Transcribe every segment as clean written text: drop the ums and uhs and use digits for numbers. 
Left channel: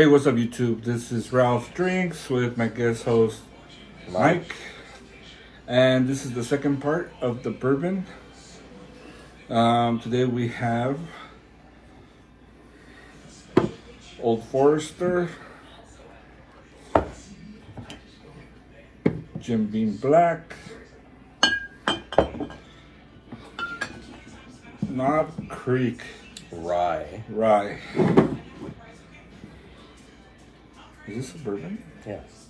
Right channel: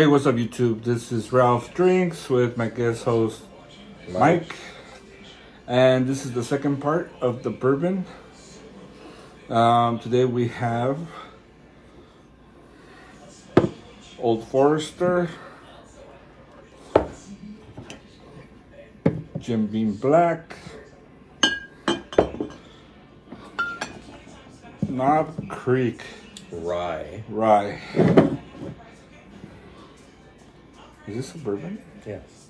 Hey, what's up YouTube? This is Ralph Drinks with my guest host Mike. And this is the second part of the bourbon. Today we have Old Forester, Jim Beam Black, Knob Creek Rye. Is this a bourbon? Yes.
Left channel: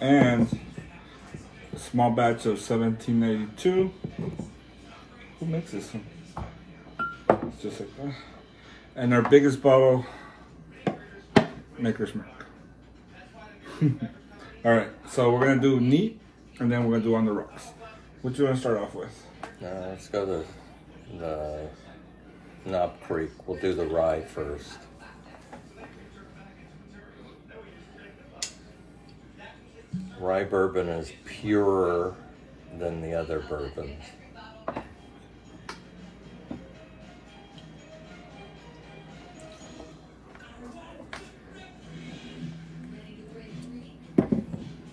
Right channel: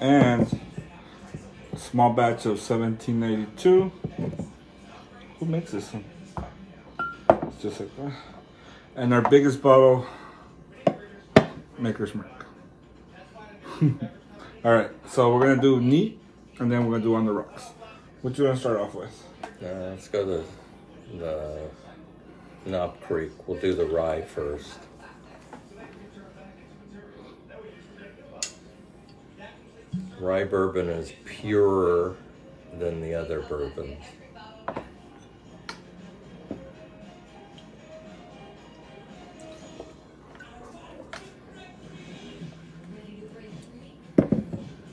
And a small batch of 1792. Who makes this one? It's just like that. And our biggest bottle, Maker's Mark. Alright, so we're gonna do neat and then we're gonna do on the rocks. What do you want to start off with? Let's go to the Knob Creek. We'll do the rye first. Rye bourbon is purer than the other bourbons.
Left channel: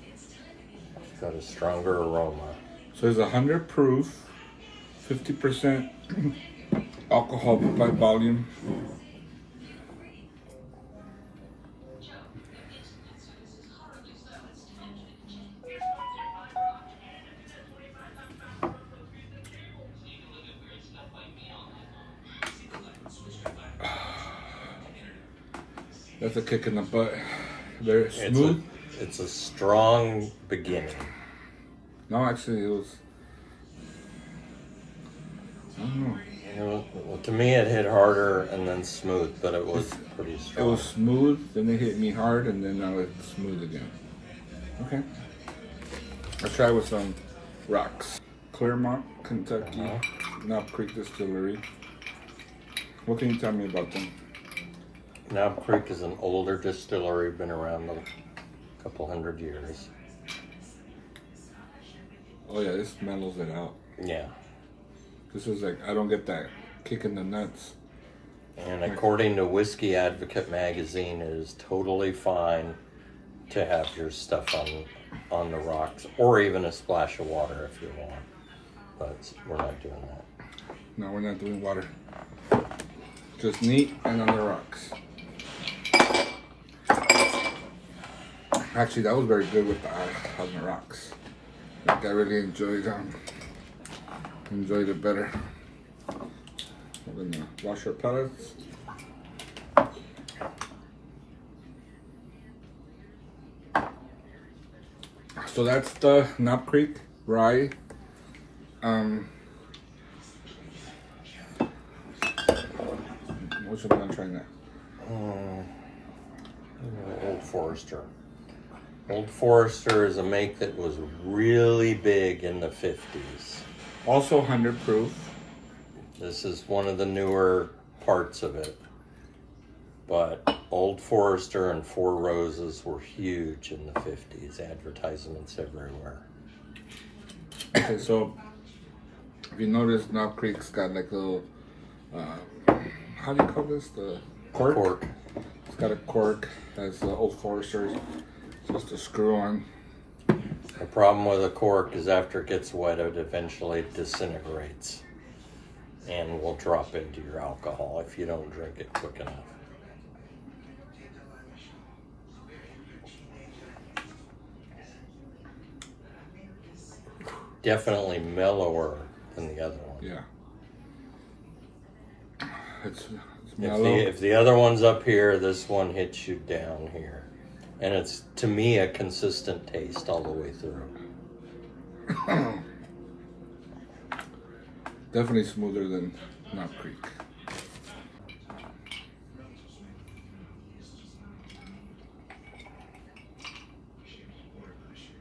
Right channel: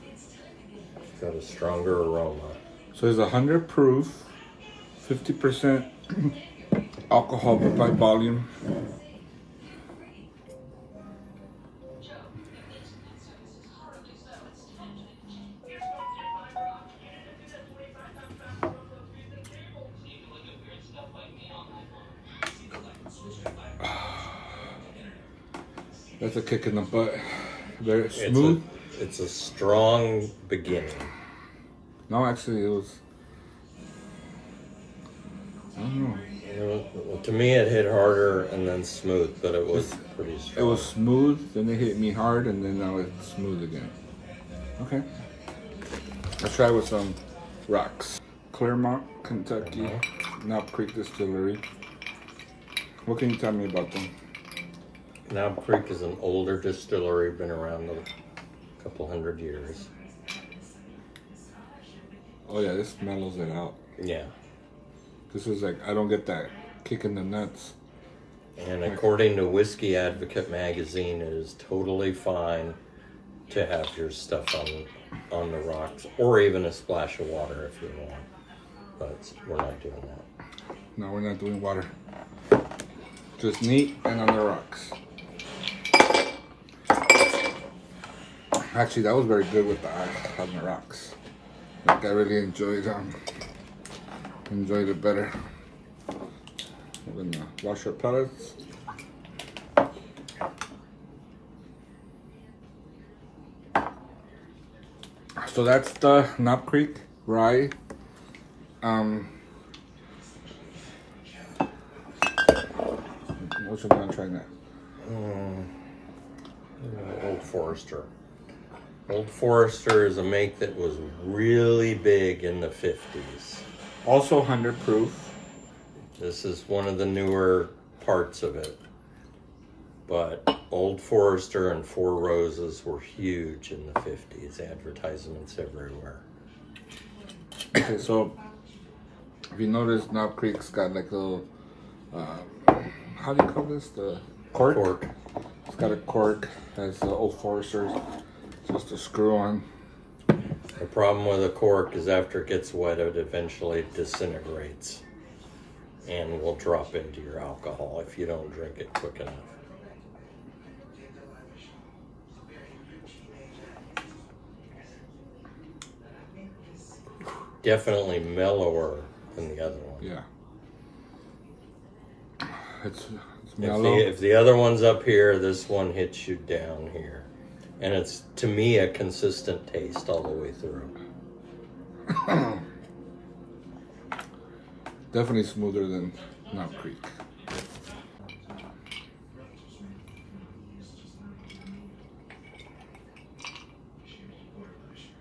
It's got a stronger aroma. So it's 100 proof, 50% alcohol by volume. That's a kick in the butt. Very smooth. It's a strong beginning. No, actually, it was. I don't know. Well, to me, it hit harder and then smooth, but it was pretty strong. It was smooth, then it hit me hard, and then now it's smooth again. Okay. Let's try with some rocks. Claremont, Kentucky, Knob Creek Distillery. What can you tell me about them? Knob Creek is an older distillery, been around a couple hundred years. Oh yeah, this mellows it out. Yeah. This is like, I don't get that kick in the nuts. And according to Whiskey Advocate magazine, it is totally fine to have your stuff on the rocks, or even a splash of water if you want. But we're not doing that. No, we're not doing water. Just neat and on the rocks. Actually, that was very good with the ice on the rocks. Like, I really enjoyed it better. We're gonna wash our pellets. So that's the Knob Creek rye. Which one am I trying that? Old Forester. Old Forester is a make that was really big in the 50s. Also 100 proof. This is one of the newer parts of it. But Old Forester and Four Roses were huge in the 50s. Advertisements everywhere. Okay, so if you notice, Knob Creek's got like a little, how do you call this? The cork? It's got a cork, as the Old Forester's. Just a screw on. The problem with a cork is after it gets wet, it eventually disintegrates and will drop into your alcohol if you don't drink it quick enough. Definitely mellower than the other one. Yeah. It's mellow. If the other one's up here, this one hits you down here. And it's, to me, a consistent taste all the way through. Definitely smoother than Knob Creek.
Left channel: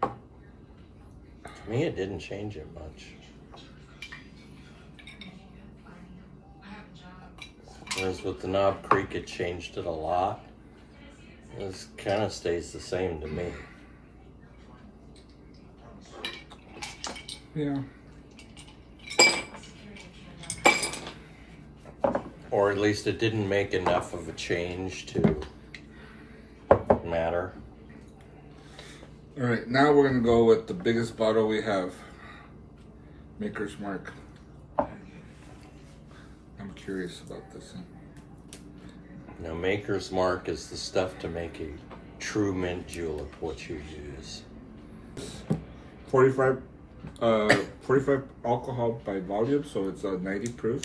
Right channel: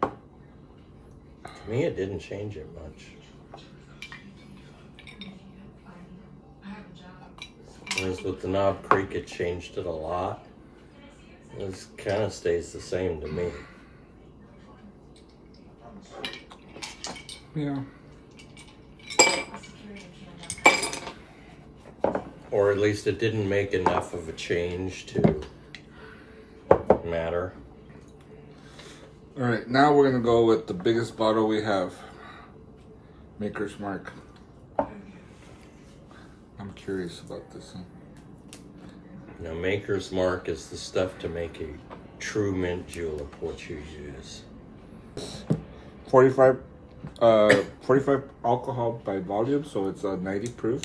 To me, it didn't change it much. Whereas with the Knob Creek, it changed it a lot. This kind of stays the same to me. Yeah. Or at least it didn't make enough of a change to matter. All right, now we're gonna go with the biggest bottle we have. Maker's Mark. I'm curious about this one. Now, Maker's Mark is the stuff to make a true mint julep, what you use. 45 alcohol by volume, so it's 90 proof.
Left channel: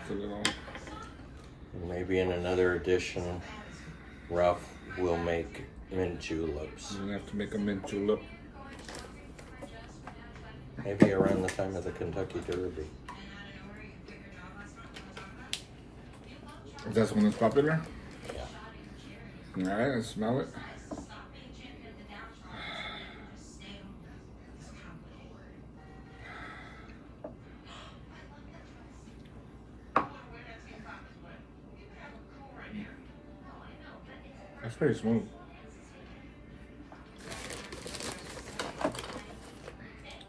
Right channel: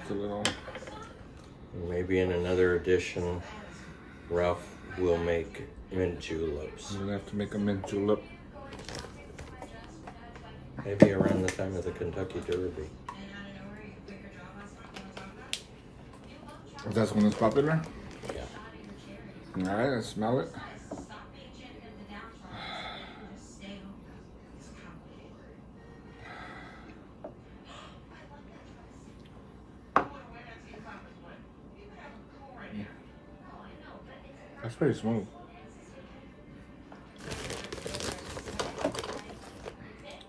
It's a little... Maybe in another edition, Ralph will make mint juleps. I'm gonna have to make a mint julep. Maybe around the time of the Kentucky Derby. That's when it's popular? Yeah. Alright, let's smell it. That's pretty smooth.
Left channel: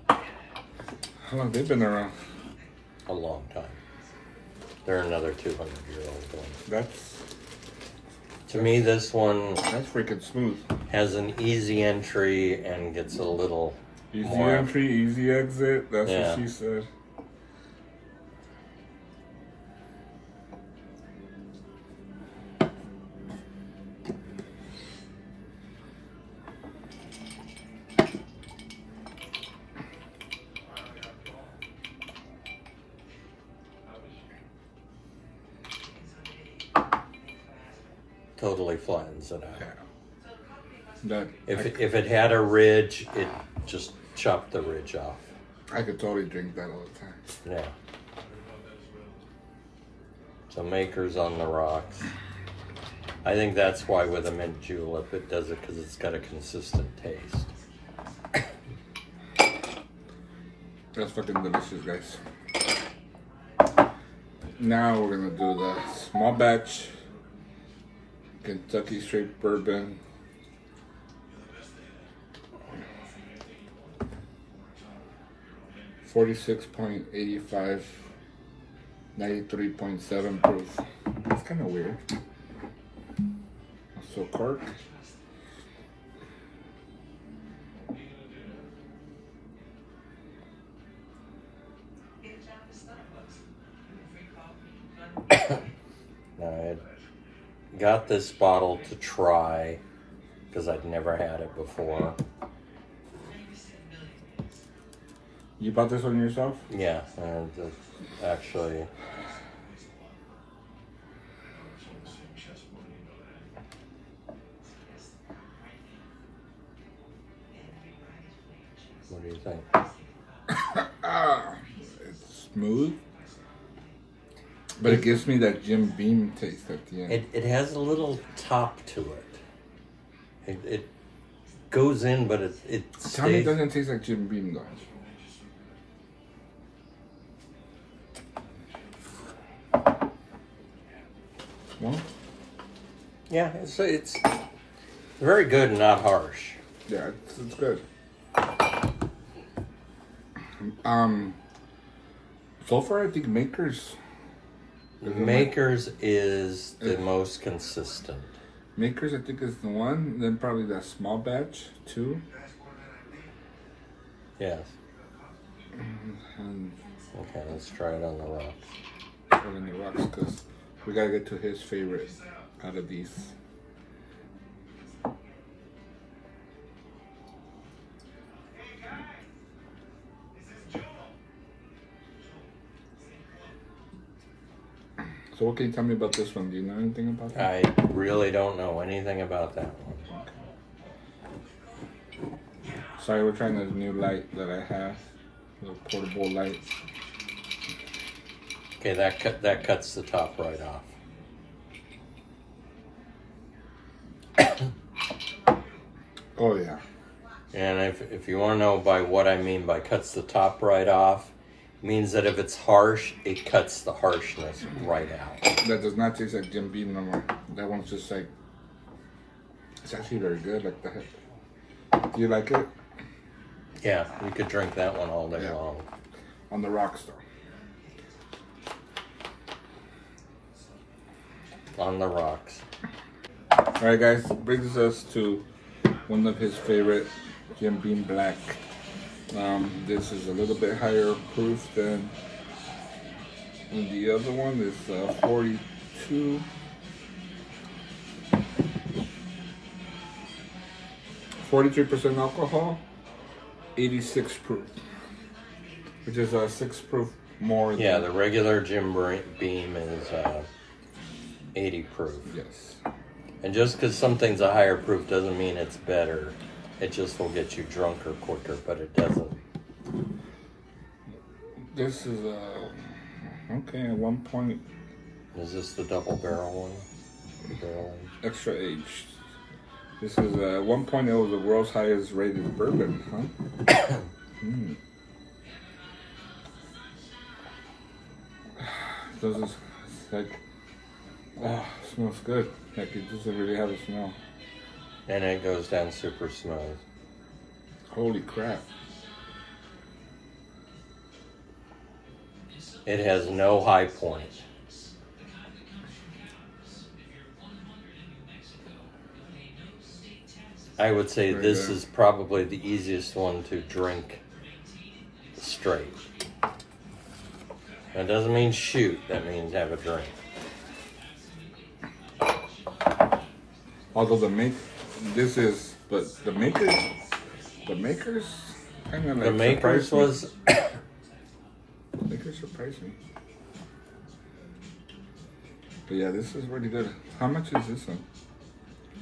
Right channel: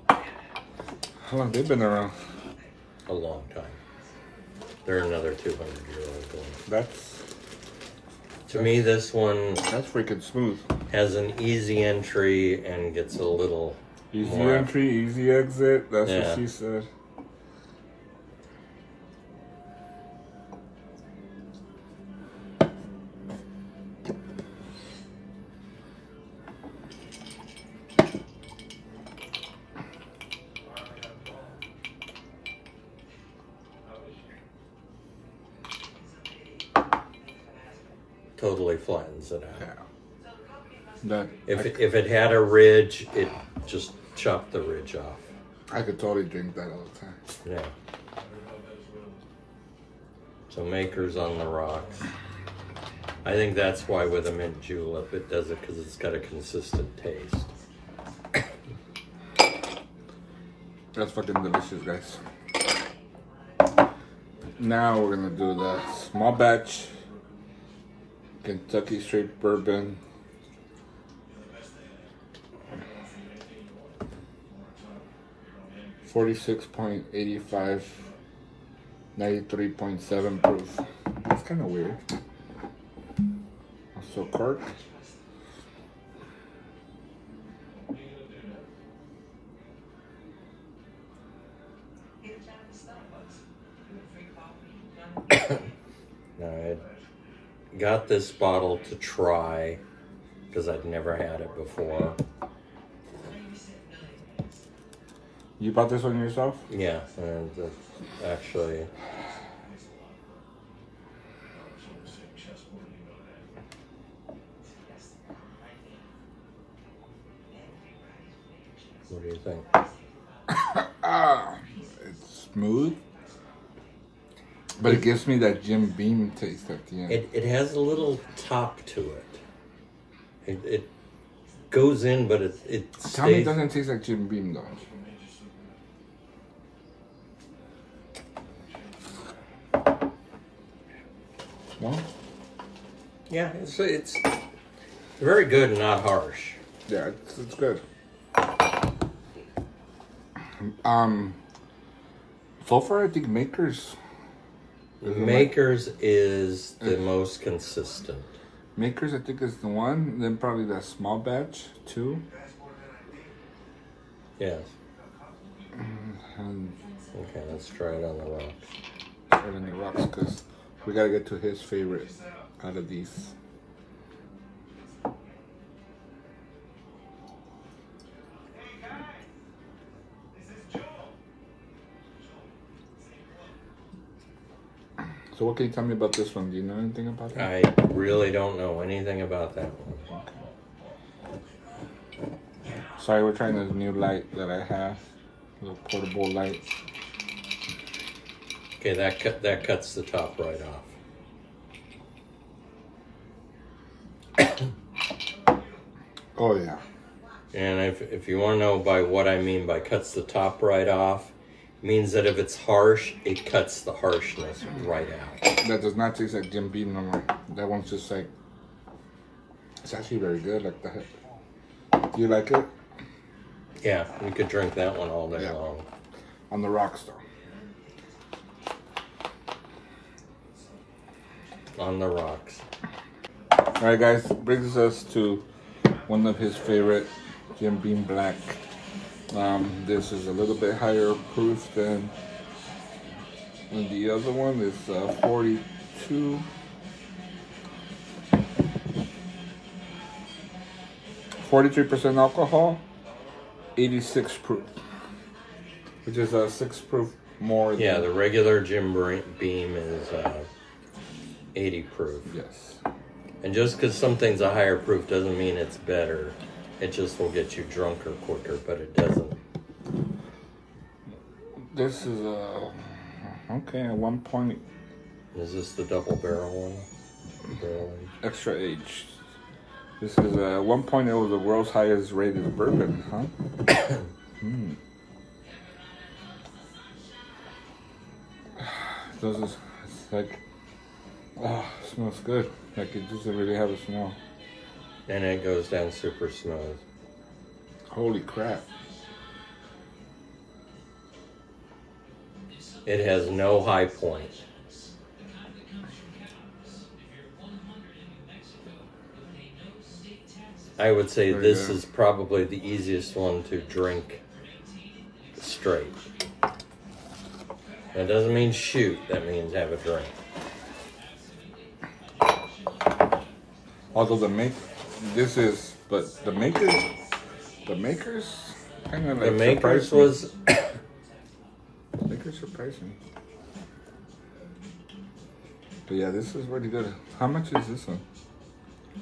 How long have they been around? A long time. They're another 200-year-old one. To me, this one... That's freaking smooth. Has an easy entry and gets a little easy more... entry, easy exit. That's what she said. Totally flattens it out. Yeah. If it had a ridge, it just chopped the ridge off. I could totally drink that all the time. Yeah. So Maker's on the rocks. I think that's why with a mint julep it does it, because it's got a consistent taste. That's fucking delicious, guys. Now we're gonna do the small batch Kentucky straight bourbon. .85, 93.7 proof. That's kind of weird. So cork. I got this bottle to try because I'd never had it before. You bought this one yourself? Yeah, and actually... What do you think? It's smooth, but it gives me that Jim Beam taste at the end. It has a little top to it. It goes in, but it Tell me it doesn't taste like Jim Beam though. No? Yeah, it's very good and not harsh. Yeah, it's good. So far I think Maker's is the most consistent. Maker's I think is the one, then probably that small batch too. Yeah. Okay, let's try it on the rocks. Try it on the rocks because we gotta get to his favorite out of these. So what can you tell me about this one? Do you know anything about that? I really don't know anything about that one. Sorry, we're trying this new light that I have. The portable light. Okay, that cuts the top right off. Oh yeah. And if you want to know by what I mean by cuts the top right off, means that if it's harsh, it cuts the harshness right out. That does not taste like Jim Beam no more. That one's just like, it's actually very good. Like the heck. Do you like it? Yeah, we could drink that one all day long. On the rocks though. On the rocks. Alright guys, brings us to one of his favorite, Jim Beam Black. This is a little bit higher proof than the other one. It's 42. 43% alcohol, 86 proof, which is 6 proof more. Yeah, the regular Jim Beam is 80 proof. Yes. And just because something's a higher proof doesn't mean it's better. It just will get you drunker quicker, but it doesn't. This is okay. At one point, is this the double barrel one? Extra aged. This is at one point it was the world's highest rated bourbon, huh? It's like, smells good. Like it doesn't really have a smell. And it goes down super smooth. Holy crap. It has no high point. I would say this is probably the easiest one to drink straight. That doesn't mean shoot, that means have a drink. Although the makers kind of like the makers was the makers surprised me. But yeah, this is really good. How much is this one?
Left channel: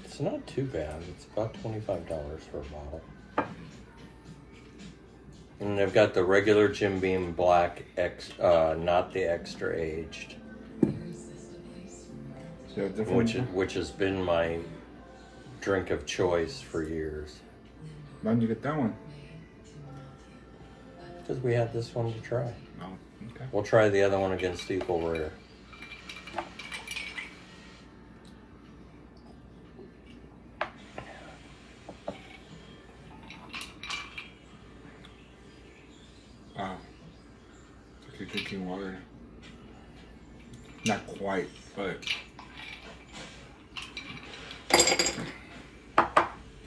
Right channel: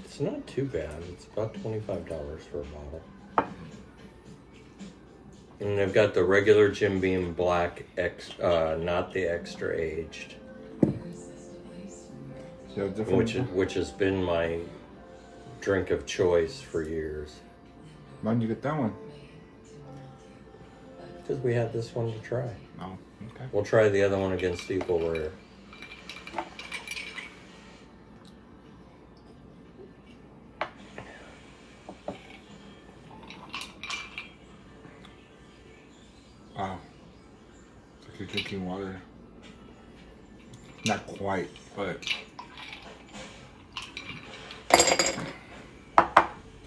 It's not too bad. It's about $25 for a bottle. And they've got the regular Jim Beam Black, not the extra aged, which has been my drink of choice for years. Why did you get that one? Because we had this one to try. Oh, okay. We'll try the other one against equal rare. Wow. It's like you're drinking water. Not quite, but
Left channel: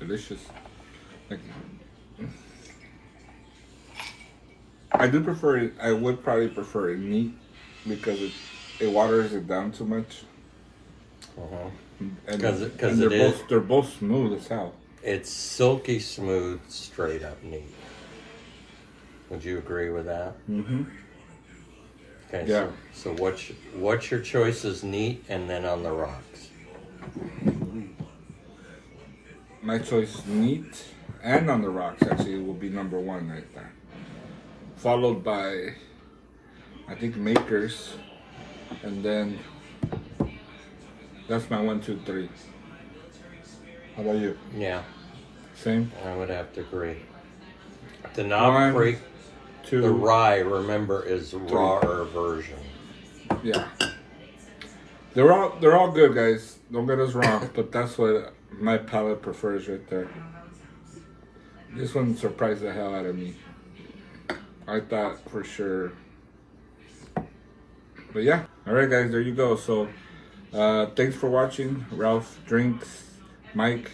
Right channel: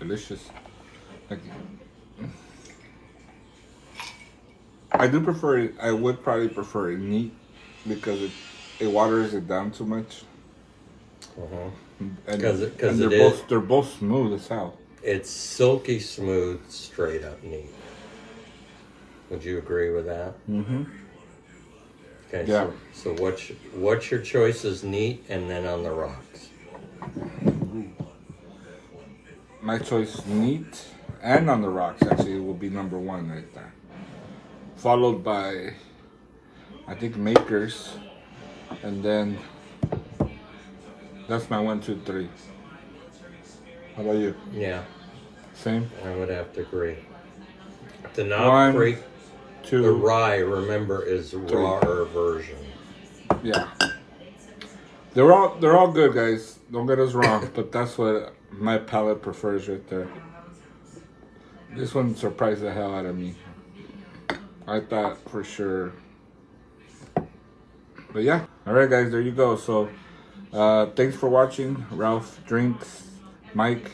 delicious. Like, I do prefer it. I would probably prefer it neat because it waters it down too much. Because they're both smooth as hell. It's silky smooth, straight up neat. Would you agree with that? Mm-hmm. Okay, yeah. So what's your choice is neat and then on the rocks? My choice, neat and on the rocks, actually, will be number one right there. Followed by, I think, makers. And then, that's my 1, 2, 3. How about you? Yeah. Same? I would have to agree. The Knob Creek, the rye, remember, is the rawer version. Yeah. They're all good, guys. Don't get us wrong, but that's what my palate prefers right there. This one surprised the hell out of me. I thought for sure. But yeah. Alright guys, there you go. So thanks for watching. Ralph Drinks, Mike.